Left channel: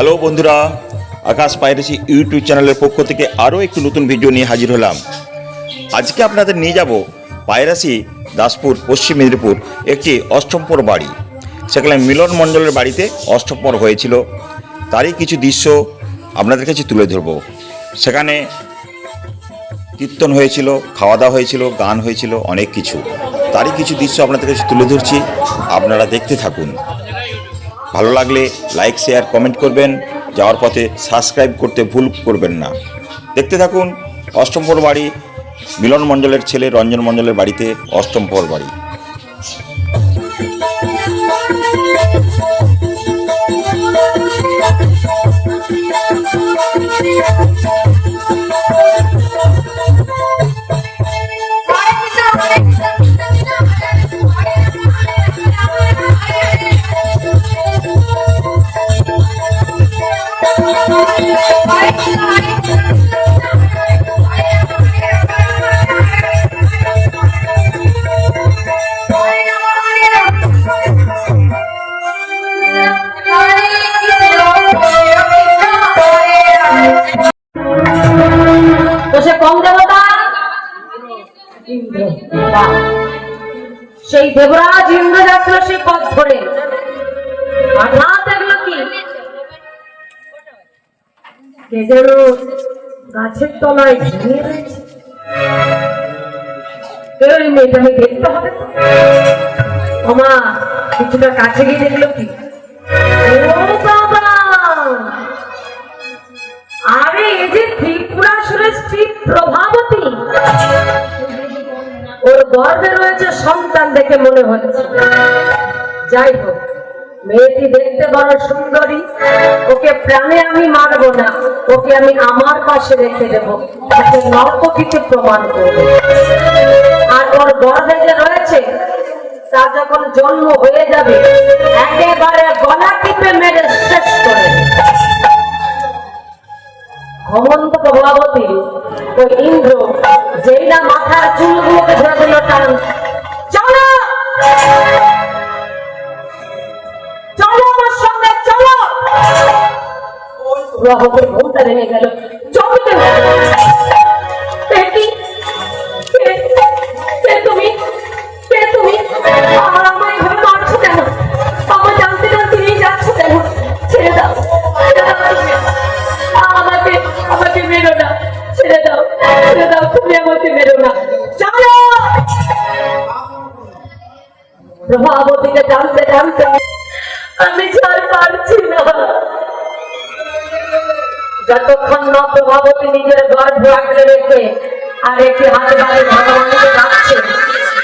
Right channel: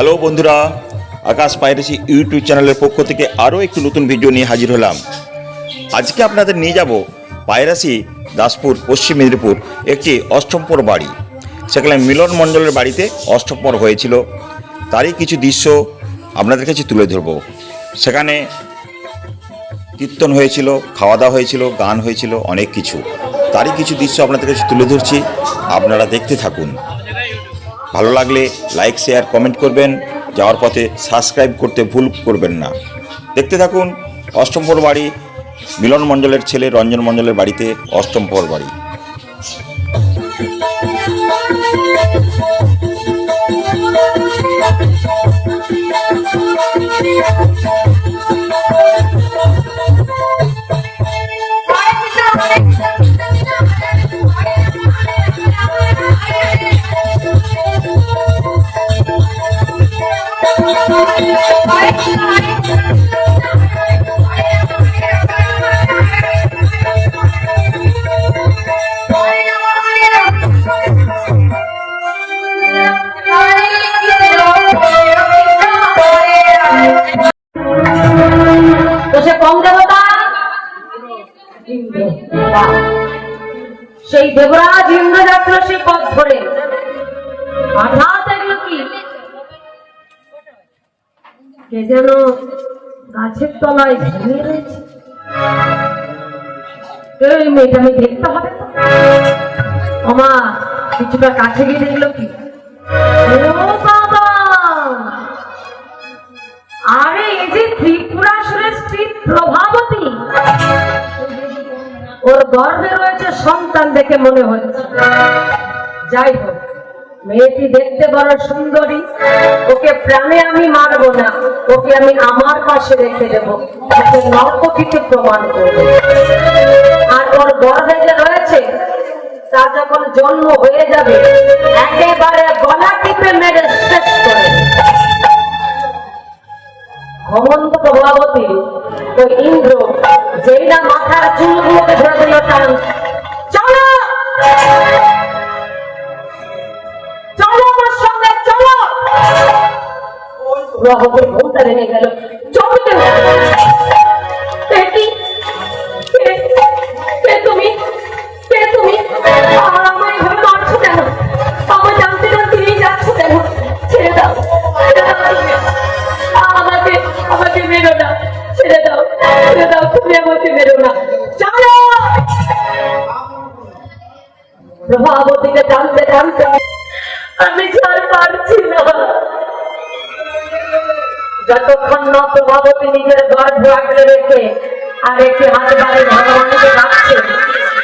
Hello বন্ধুরা, আকাশ piracy YouTube চ্যানেলের পক্ষ থেকে আরও একটি নতুন ভিডিও নিয়ে হাজির হলাম। আজকে আপনাদের নিয়ে যাব পাইরাসি দাসপুর পশ্চিম মেদিনীপুর একটি অষ্টমপর বাড়ি। সেখানে মিলন মণ্ডলের বাড়িতে অষ্টমপর হয়েছিল, তারই কিছু দৃশ্য আপনাদের কাছে তুলে ধরব। সেখানে কীর্তন হয়েছিল, খাওয়া দাওয়া হয়েছিল, গান হয়েছিল, অনেক কিছু, তারই কিছু দৃশ্য আপনাদের কাছে তুলে ধরছি। আপনারা দেখতে থাকুন। ভালো লাগলে লাইক, শেয়ার, কমেন্ট করবেন। যাওয়ার পথে সাবস্ক্রাইব করতে ভুল করবেন না। দেখতে থাকুন অষ্টমপর বাড়ি, মিলন মণ্ডলের ছেলে রঞ্জন মণ্ডলের বাড়িতে অষ্টমপর বাড়ি। সেই দেবরাজ ইন্দ্র যাত্রা সে পথ ধরে হঠাৎ এগুলো কি কে যেন গাছের তলায় ঘুমিয়ে রয়েছে। ওই মেয়েটাকে দেখতে হবে। ওমা কিছুটা কাছে গিয়ে দেখলো কি, ও বাবা, আরে এই যে ত্রিপুরাসুরের স্ত্রী প্রভাবতী, ওর গর্ভে রয়েছে সন্তান দেখে মনে হচ্ছে। যাই হোক, মেয়েটি দেখতে বড় সুন্দরী, ওকে প্রাণে আমি মারব না, ওকে আমি আমার পাশে রেখে দেবো, ওকে নর্তকীতে প্রমাণ করবো। আর ওর গর্ভে যে রয়েছে তার যখন জন্ম হয়ে যাবে একেবারে গলা টিপে মেরে শেষ করে ঘমন্ত প্রভাবতী ওই ইন্দ্র যেই না মাথার চুলগুলোকে ধরে টান, চলো চলো আমার সঙ্গে চলো। প্রভাবতী ঘুমটা রেখে গেল, চলতে তুমি কে তুমি আমায় এভাবে মারছো কেন? আমার জানতে জানতে নিয়ে যাচ্ছ কেন? ছেড়ে দাও, আমাকে আমাকে মেরো না, ছেড়ে দাও, ছেড়ে দাও, তুমি আমাকে মেরো না, চলো। প্রভাবতীকে জানতে জানতে আমি ছাড় পারছি না। যতক্ষণ না প্রভাবতী নিজের গর্ভ আঁকড়ে রেখে আর একটি হাতে বাড়ি ভগবানকে রাখছে,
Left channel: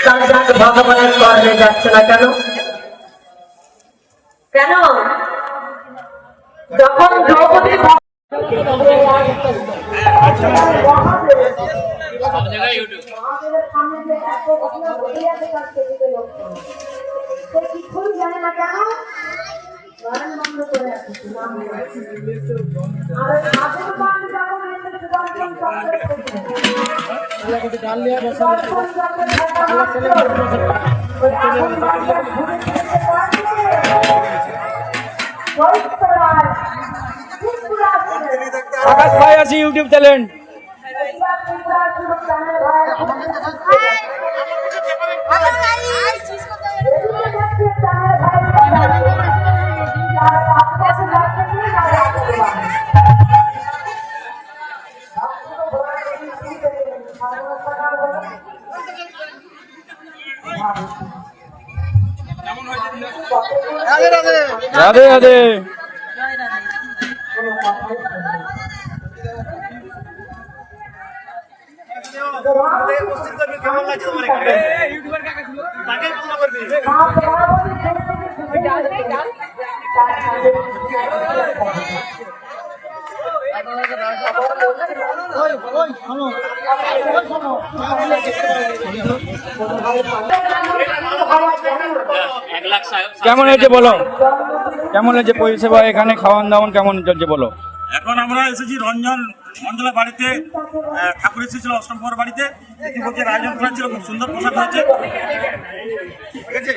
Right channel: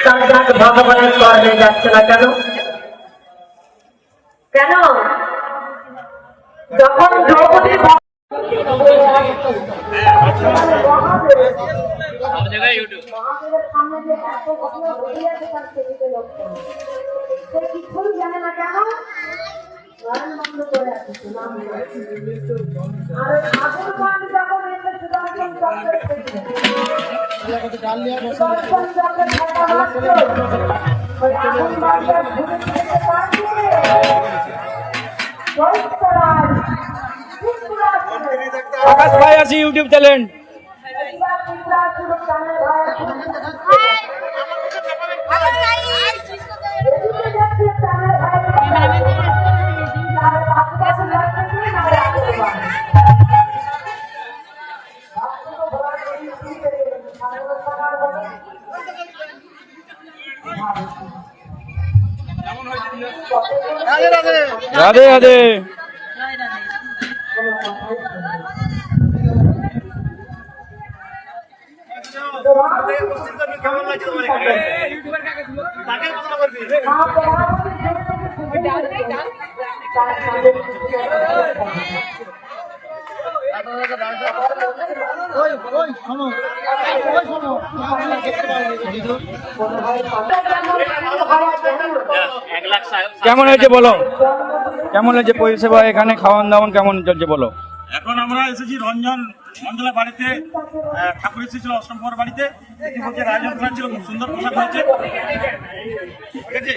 তার যাতে ভগবানের পর হয়ে যাচ্ছে না। কেন কেন যখন দ্রৌপদী কিছুই জানে না, কেন বন্ধ করে আকাশ পাইরাসি ইউটিউব চ্যানেল। রাধে রাধে। কেমন লাগছে তোমার? কেমন হয়েছে বলো, কেমন হয়েছে পরিষেবা এখানে, খাওয়ান দাওয়ান কেমন চলছে বলো? এখন আমরা এসেছি রঞ্জন মন্ডলা বাড়িতে ঠাকুর এসেছিল অষ্টম প্রহর বাড়িতে ইতিমধ্যে আয়োজন করা ছিল, খুব সুন্দর পোশাক হয়েছে। ঠিক আছে,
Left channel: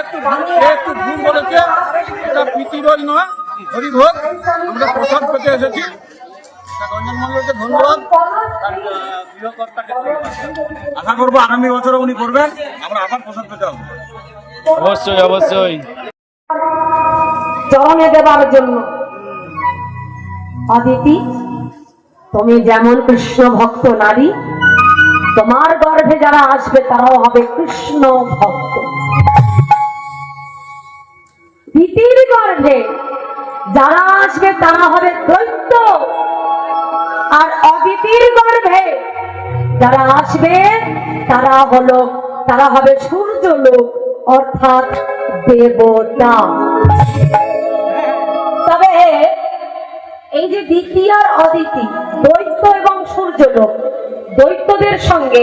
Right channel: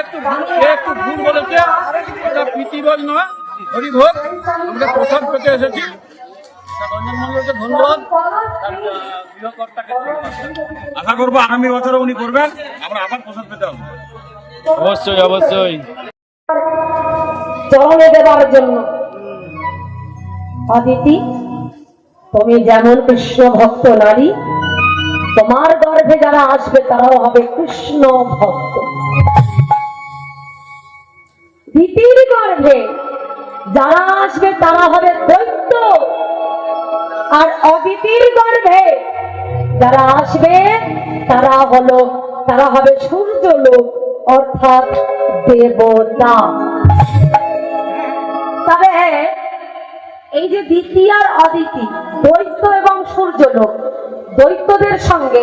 একটু ভুল বলেছে, এটা প্রীতিভোজ নয়, হরিভোগ। আমরা প্রসাদ পেতে এসেছি। রঞ্জন মন্ডলকে ধন্যবাদ, তার গৃহকর্তাকে ধন্যবাদ। আশা করবো আগামী বছরও উনি করবেন, আমরা আবার প্রসাদ পেতে হবে। অবশ্যই অবশ্যই। চরণে দেবার জন্য অদিতি, তুমি যেমন কৃষ্ণ ভক্ত নারী, তোমার গর্ভে যারা আসবে তারাও হবে কৃষ্ণ ভক্ত। দিতির গর্ভে যারা আসবে তারা হবে দৈত্য, আর অদিতির গর্ভে যারা আসবে তারা হবে সূর্যলোক অর্থাৎ দেবতা। তবে এই যে দিতি আর অদিতি, দৈত্য এবং সূর্যলোক, দৈত্যদের সঙ্গে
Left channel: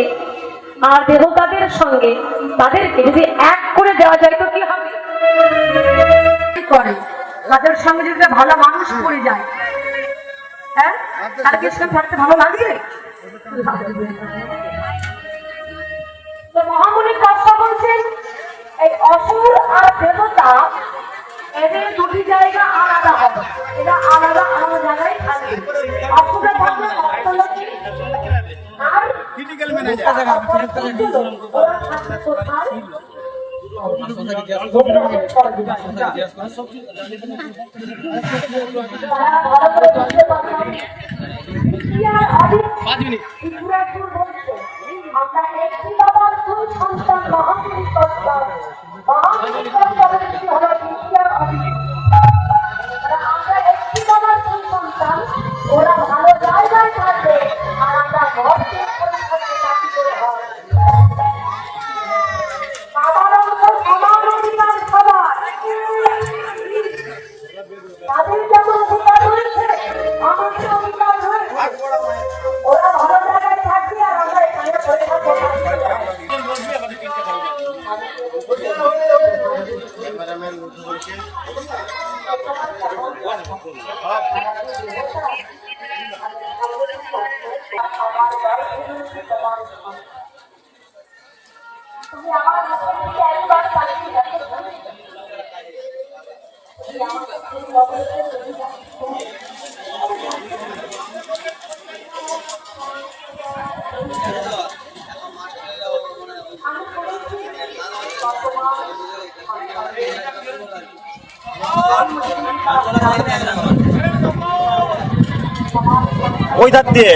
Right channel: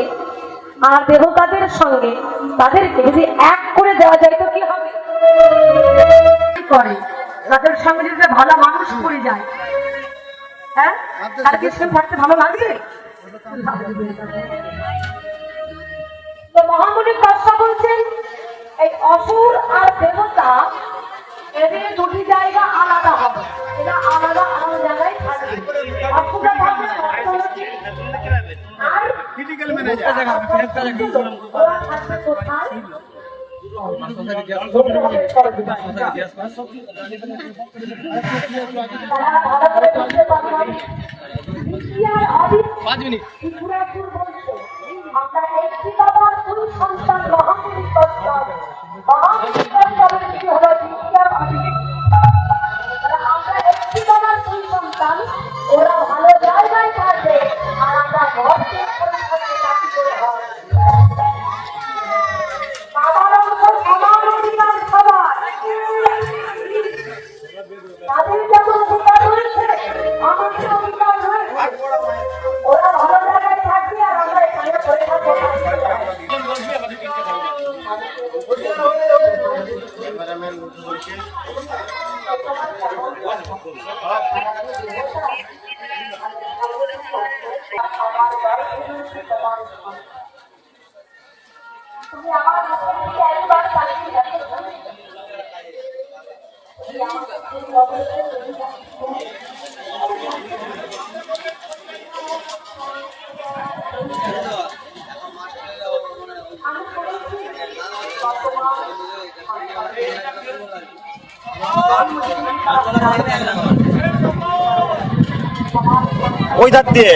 আর দেবতাদের সঙ্গে তাদেরকে যদি এক করে দেওয়া যায় তো কি হবে? করে তাদের সঙ্গে যদি ভালো মানুষ পড়ে যায়, হ্যাঁ, তার কি সঙ্গে থাকতে ভালো লাগবে? তো মহামুনি কষ্ট বলছেন এই অসুর আর দেবতা, এদের দুটি জায়গা আলাদা হবে, এরা আলাদা আলাদা জায়গায় থাকবে। অসুরের থাকবে ভক্তলোকে, আর ওরা থাকবে কোথায়? তারা ভালো করে বুঝতে পারলাম। আমরা একটি বাবার দুই সন্তান, মহামুনি কষ্ট। মহামুনি কষ্টের কি হবে? বিদ্যার অদিতি। আমরা একটি বাবার দুই সন্তান, ওরা ভালো জায়গায় থাকবে, আর আমরা ভক্তের বাবার অংশ সবার অধিকার সবার, তাদের যেমন অধিকার রয়েছে আমাদের অধিকার রয়েছে। ওরা ভালো জায়গায় থাকবে আর আমরা এখানে পড়ে থাকবো। তুমি আমার হাতের দিকে একবার তাকিয়ে দেখো। ওই ধার দিয়ে